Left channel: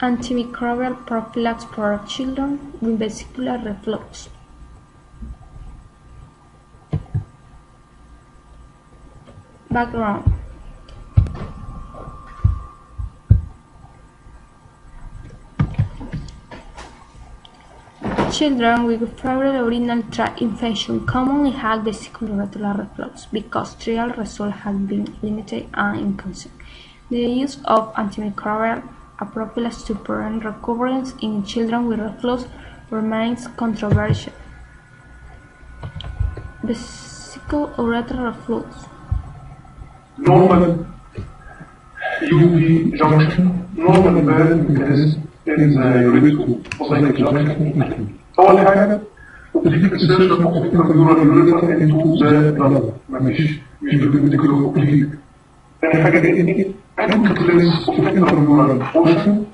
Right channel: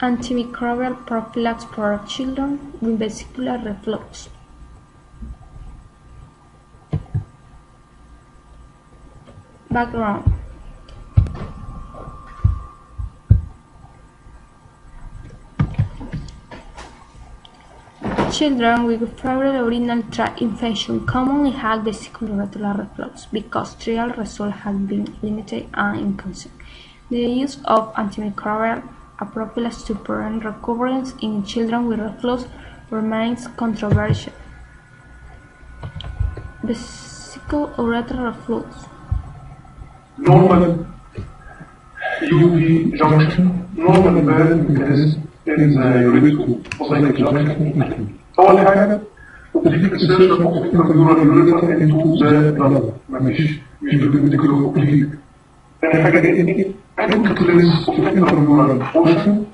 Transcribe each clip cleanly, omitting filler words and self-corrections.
Antimicrobial prophylaxis for children with vesicular reflux. Background. Children with febrile urinary tract infection commonly have vesicoureteral reflux because trial results have been limited and inconsistent. The use of antimicrobial prophylaxis to prevent recurrence in children with reflux remains controversial. Vesicoureteral reflux. Normal UV junction, normal burn mechanism in the ureterocycle junction include أول حاجة تجيب insertion of intramural urethra into the bladder مش بالفيديكولو أوبليك. تاني حاجة إيه؟ Incutless of intramural portion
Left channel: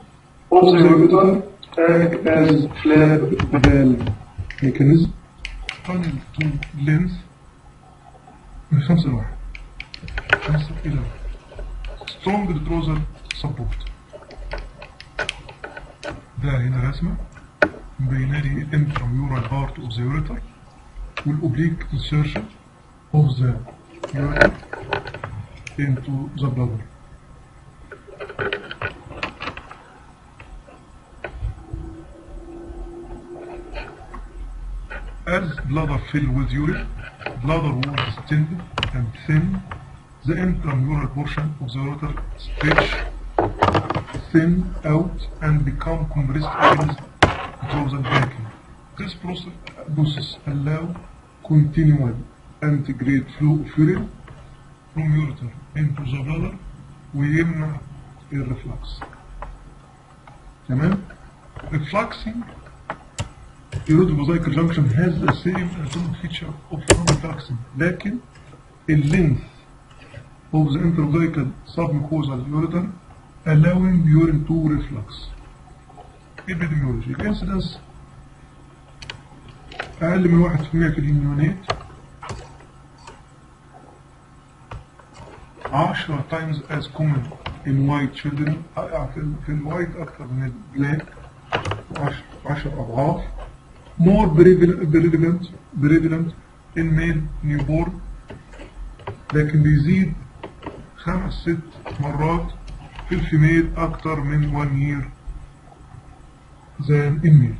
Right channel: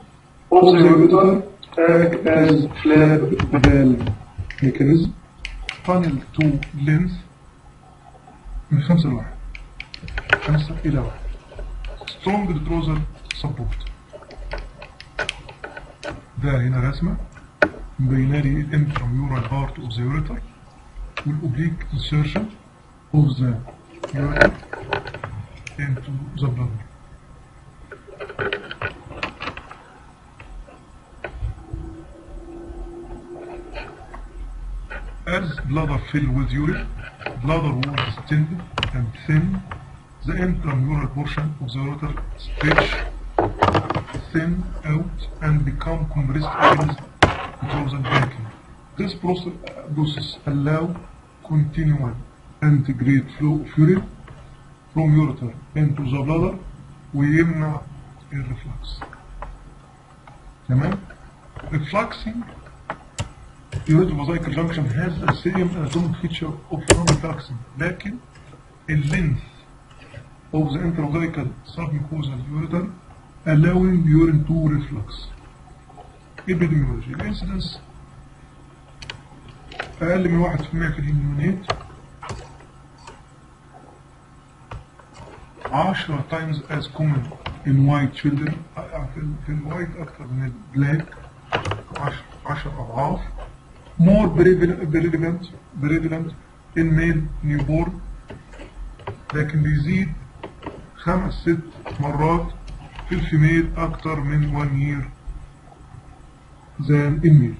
of the urethra act as flap valve mechanism. Funnel to length من 5 إلى 1. Strong retrosal support. ده هنا رسمة مبينالي الانتراميورال بارت اوف ذا يوريتر والاوبليك insertion of the urethra into the bladder. As bladder fill with urine, bladder wall is distended and thin. The intramural portion of the urethra stretch, thin out and become compressed against the backing. This process allows continual anti-grade flow of urine from urethra into the bladder ويمنع الرeflux. تمام؟ Refluxing ureterocycle junction has the same anatomic feature of non-refluxing, لكن length of the intramural submucosal ureter allowing urine to reflux. Epidemiology. Incidence أقل من 1% في النيونات 10 times as common in white children. في الوايت أكثر من البلاك 10 أضعاف. More prevalent in male newborn لكن بيزيد 5-6 مرات في الفيميل أكثر من 1 year than in male.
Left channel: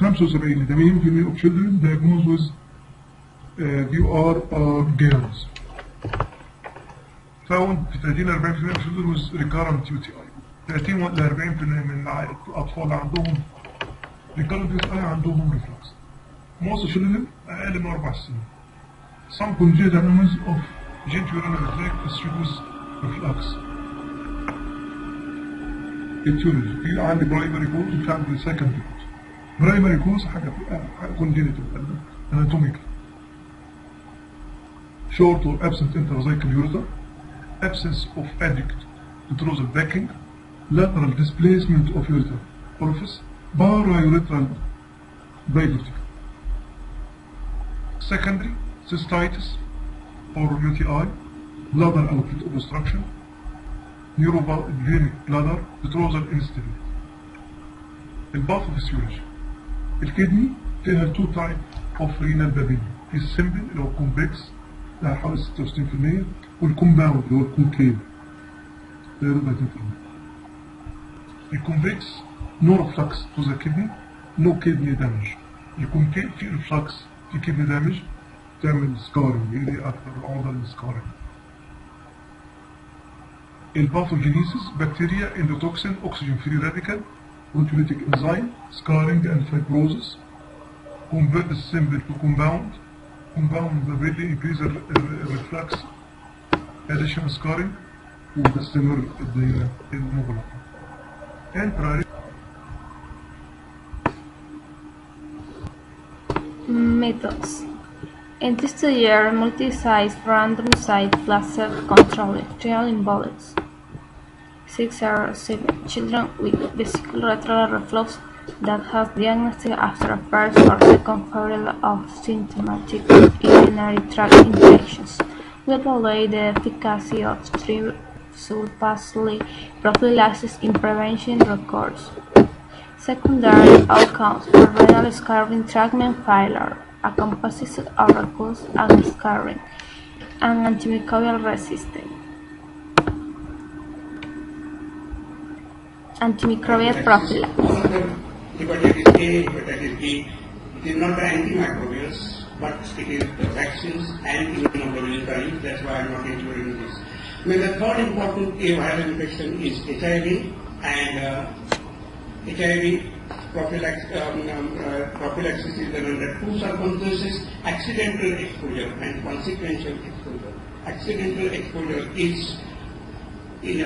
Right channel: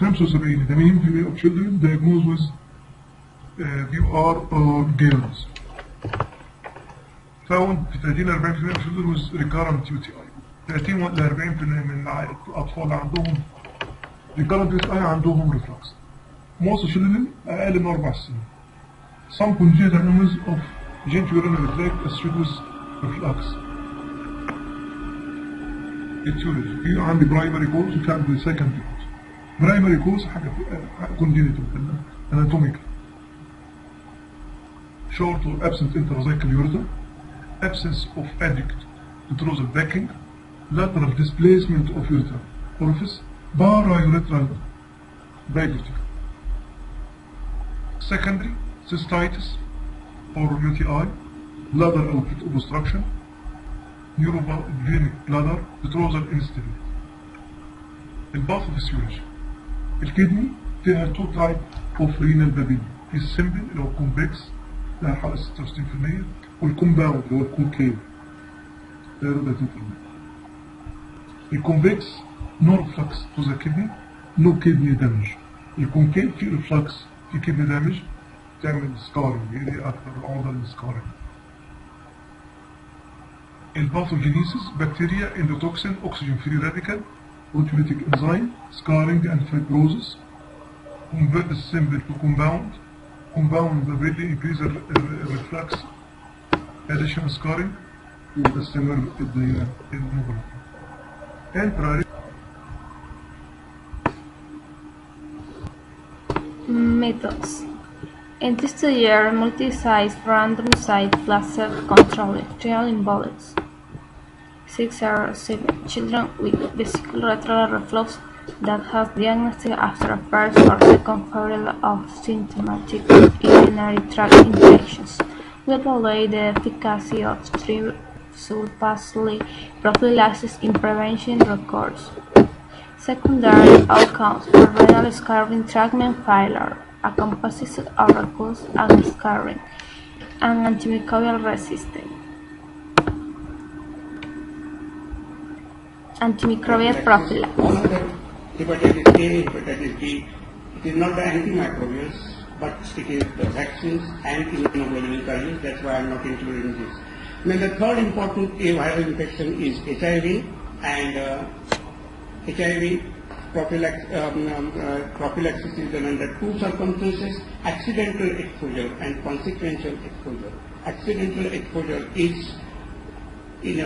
75 ل 80% of children diagnosed with DUR are girls. Found في 30-40% of children with recurrent UTI. 30-40% من الأطفال اللي عندهم recurrent UTI عندهم reflux. Most children أقل من 4 سنين. Some congenital anomalies of genitourinary tract associated with reflux. etiology. في عندي primary cause وكان secondary cause. Primary cause حاجة congenital anatomical. Short or absent intracycle urethra, absence of adequate retrosal backing, lateral displacement of urethra orifice, para-urethral bicuspid. Secondary cystitis or UTI, bladder outlet obstruction, neurovenic bladder, retrosal instability. الباثوفيسيولوجي. الكدني فيها 2 type of renal papilla. السمبل اللي هو كومبلكس حوالي 66% والكومباوند اللي هو الكونكيف. الكومبلكس no reflux to the kidney, no kidney damage. الكونكيف في reflux في kidney damage تعمل سكارينج، هي أكثر عرضة للسكارينج. الباثوجينيسيس بكتيريا اندوتوكسين اوكسجين فري راديكال autolytic enzyme scarring and fibrosis. Convert the symbol to compound. Compound rapidly increase the reflux, additional scarring, and the similar to the immobility. Methods. In this year, multi-site, randomized, placebo-controlled trial involves 607 children with vesicoureteral reflux that has diagnosed after a first or second febrile of symptomatic urinary tract infections. We evaluate the efficacy of 3 sulfasylate prophylaxis in preventing recurrence. Secondary outcomes for renal scarring treatment failure, a composite of recurrence and scarring, and antimicrobial resistance. Antimicrobial prophylaxis. Hepatitis A, hepatitis B, it is not the antimicrobials, but it is the vaccines and immunoglobulin. That's why I am not including this. The third important viral infection is HIV, and HIV prophylaxis is done under two circumstances: accidental exposure and consequential exposure. Accidental exposure is in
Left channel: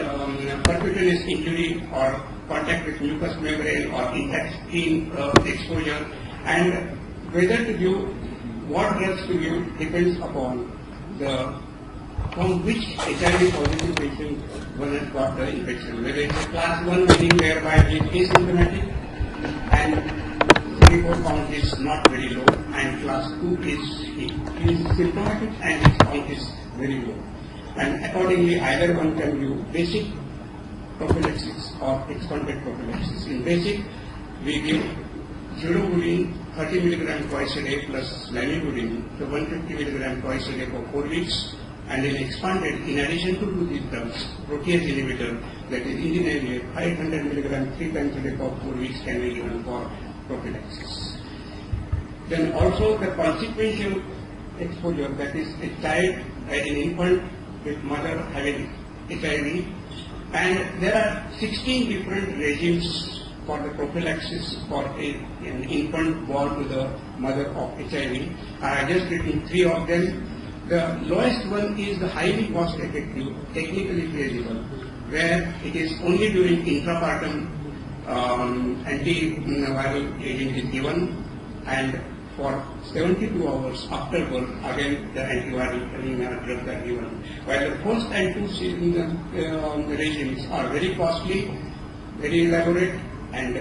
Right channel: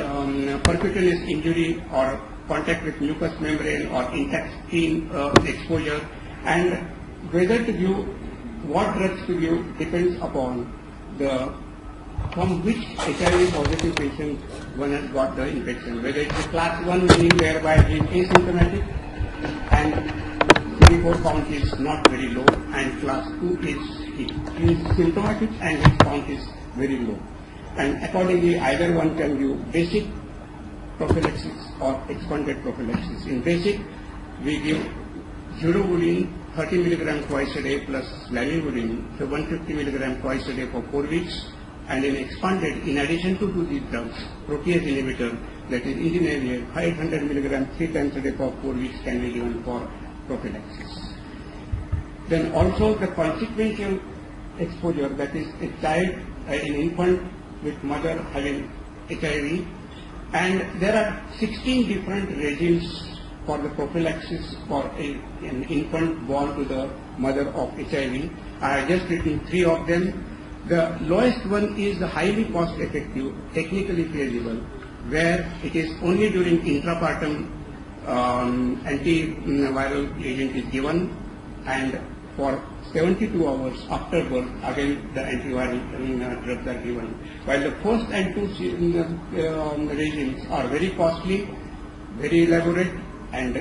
percutaneous injury or contact with mucous membrane or intestine exposure, and whether to give, what drugs to give depends upon from which HIV positive patient one has got the infection. Whether it is class 1 meaning whereby it is asymptomatic and CD4 count is not very low, and class 2 is symptomatic and its count is very low. And accordingly, either one can do basic prophylaxis or expanded prophylaxis. In basic, we give urobulin 30 mg twice a day plus lamivudine, so 150 mg twice a day for 4 weeks. And in expanded, in addition to these drugs, protease inhibitor, that is indinavir, 500 mg 3 times a day for 4 weeks can be given for prophylaxis. Then also the consequential exposure, that is a child, an infant with mother having HIV, and there are 16 different regimes for the prophylaxis for an infant born to the mother of HIV. I have just written 3 of them. The lowest one is the highly cost effective, technically feasible, where it is only during intrapartum antiviral agent is given, and for 72 hours after birth, again the antiviral drugs are given. While the first and two regimes are very costly, very elaborate, and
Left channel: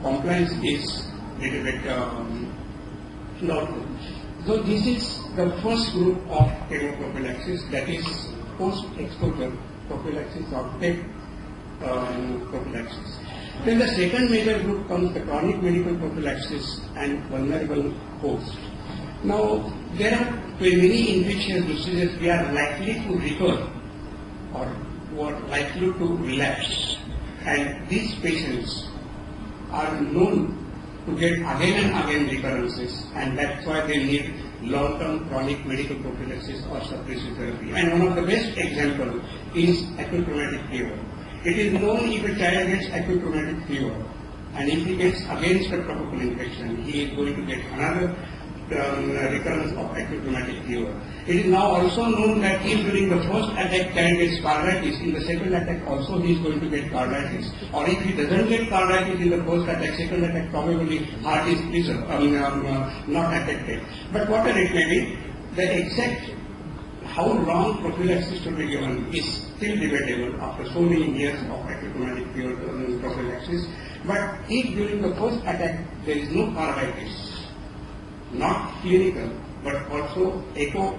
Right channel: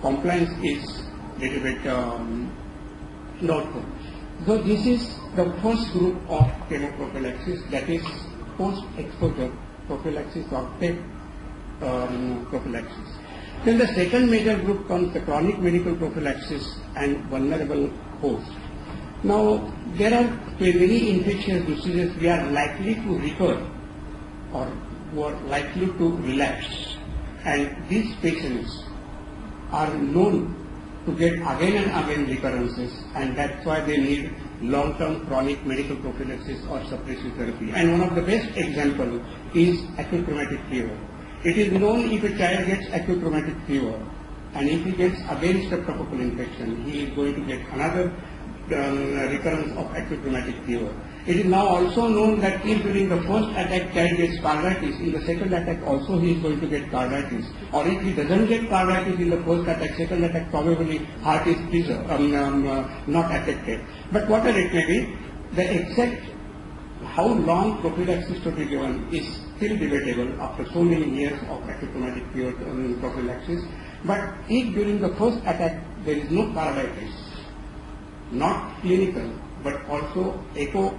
compliance is a little bit doubtful. So this is the first group of chemoprophylaxis, that is post-exposure prophylaxis or PEP prophylaxis. Then the second major group comes the chronic medical prophylaxis and vulnerable host. Now, there are many infectious diseases we are likely to recur or who are likely to relapse, and these patients are known to get again and again recurrences, and that's why they need long-term chronic medical prophylaxis or suppressive therapy. And one of the best examples is acute rheumatic fever. It is known if a child gets acute rheumatic fever, and if he gets again streptococcal infection, he is going to get another recurrence of acute rheumatic fever. It is now also known that if during the first attack child gets carditis, in the second attack also he is going to get carditis. Or if he doesn't get carditis in the first attack, second attack probably heart is not affected. But whatever it may be, the exact how long prophylaxis should be given is still debatable after so many years of acute rheumatic fever prophylaxis. But if during the first attack there is no carditis, not clinical, but also echo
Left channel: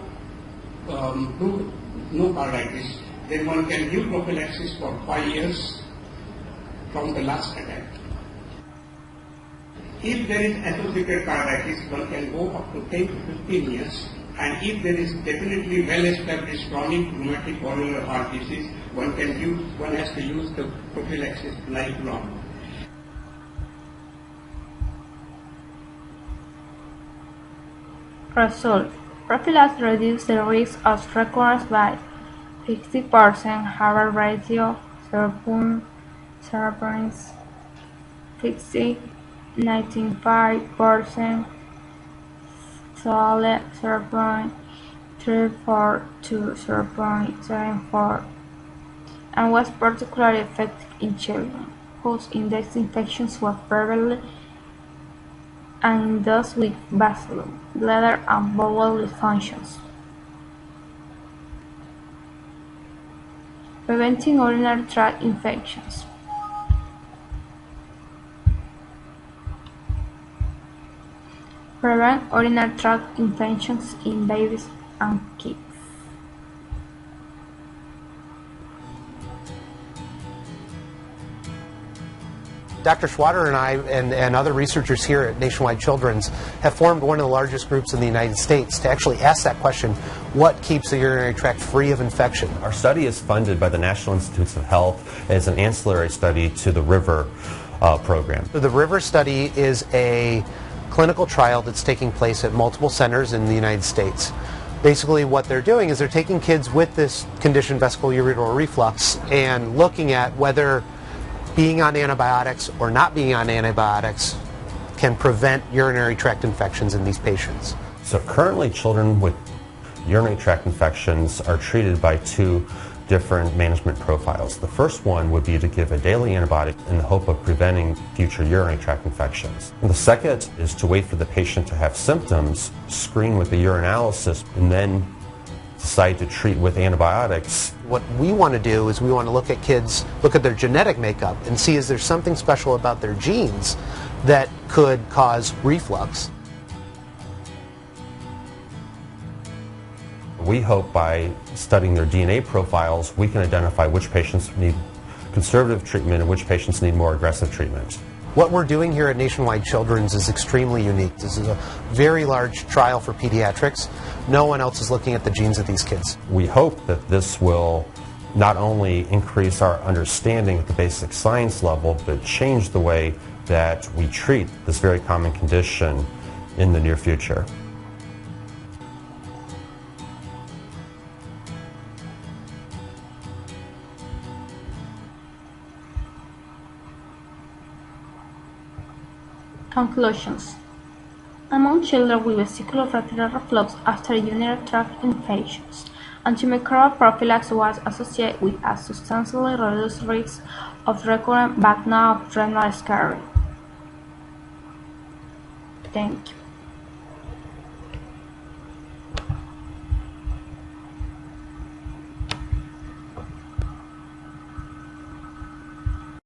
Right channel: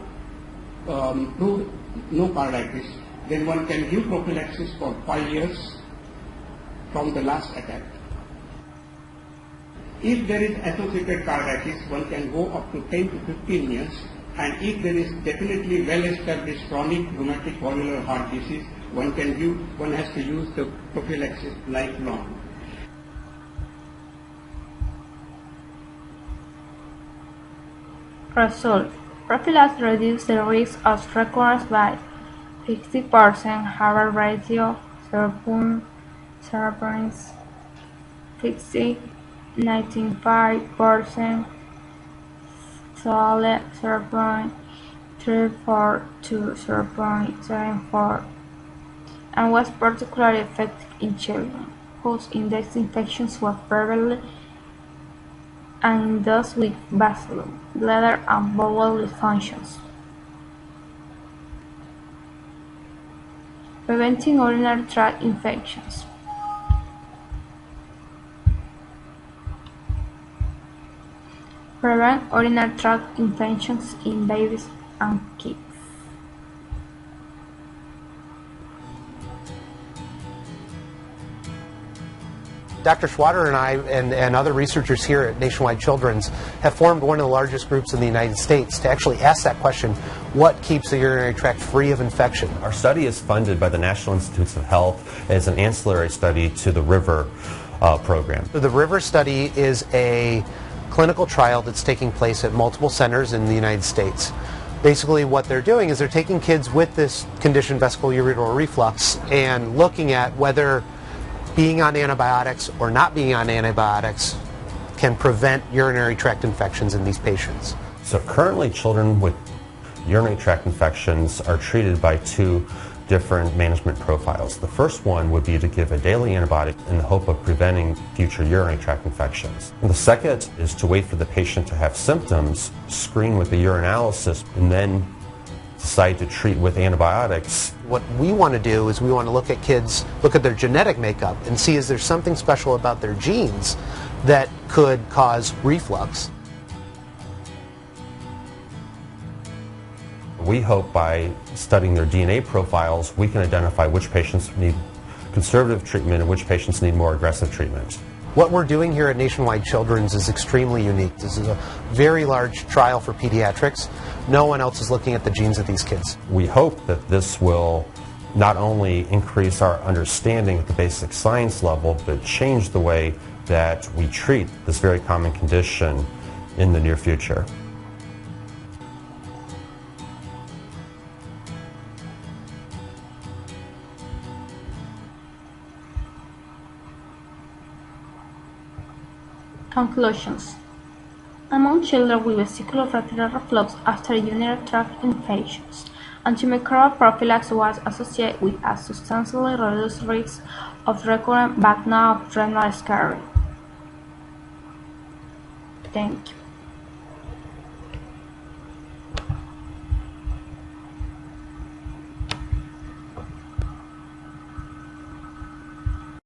to no carditis, then one can give prophylaxis for 5 years from the last attack. If there is associated carditis, one can go up to 10 to 15 years, and if there is definitely well-established chronic rheumatic valvular heart disease, one has to use the prophylaxis lifelong. Result: prophylaxis reduces the risk of recurrence by 50%, Hazard ratio 0.050, 95%, SOLE 0.342 to 0.74, and was particularly effective in children whose index infections were prevalent and those with bacillus, bladder, and bowel dysfunctions. Preventing urinary tract infections. Prevent urinary tract infections in babies and kids. Dr. Schwader and I and other researchers here at Nationwide Children's have formed one of the largest groups in the United States to actually ask that question, what keeps the urinary tract free of infection? Our study is funded by the National Institutes of Health as an ancillary study to the RIVER program. The RIVER study is a clinical trial that's taking place at multiple centers in the United States. Basically what they're doing is they're taking kids with this condition, vesicoureteral reflux, and looking at whether being on antibiotics or not being on antibiotics can prevent urinary tract infections in these patients. So currently children with urinary tract infections are treated by two different management profiles. The first one would be to give a daily antibiotic in the hope of preventing future urinary tract infections. And the second is to wait for the patient to have symptoms, screen with a urinalysis, and then decide to treat with antibiotics. What we want to do is we want to look at kids, look at their genetic makeup and see is there something special about their genes that could cause reflux. We hope by studying their DNA profiles, we can identify which patients need conservative treatment and which patients need more aggressive treatment. What we're doing here at Nationwide Children's is extremely unique. This is a very large trial for pediatrics. No one else is looking at the genes of these kids. We hope that this will not only increase our understanding at the basic science level, but change the way that we treat this very common condition in the near future. Conclusions. Among children with vesicoureteral reflux after urinary tract infections, antimicrobial prophylaxis was associated with a substantially reduced risk of recurrent vaginal renal scarring. Thank you.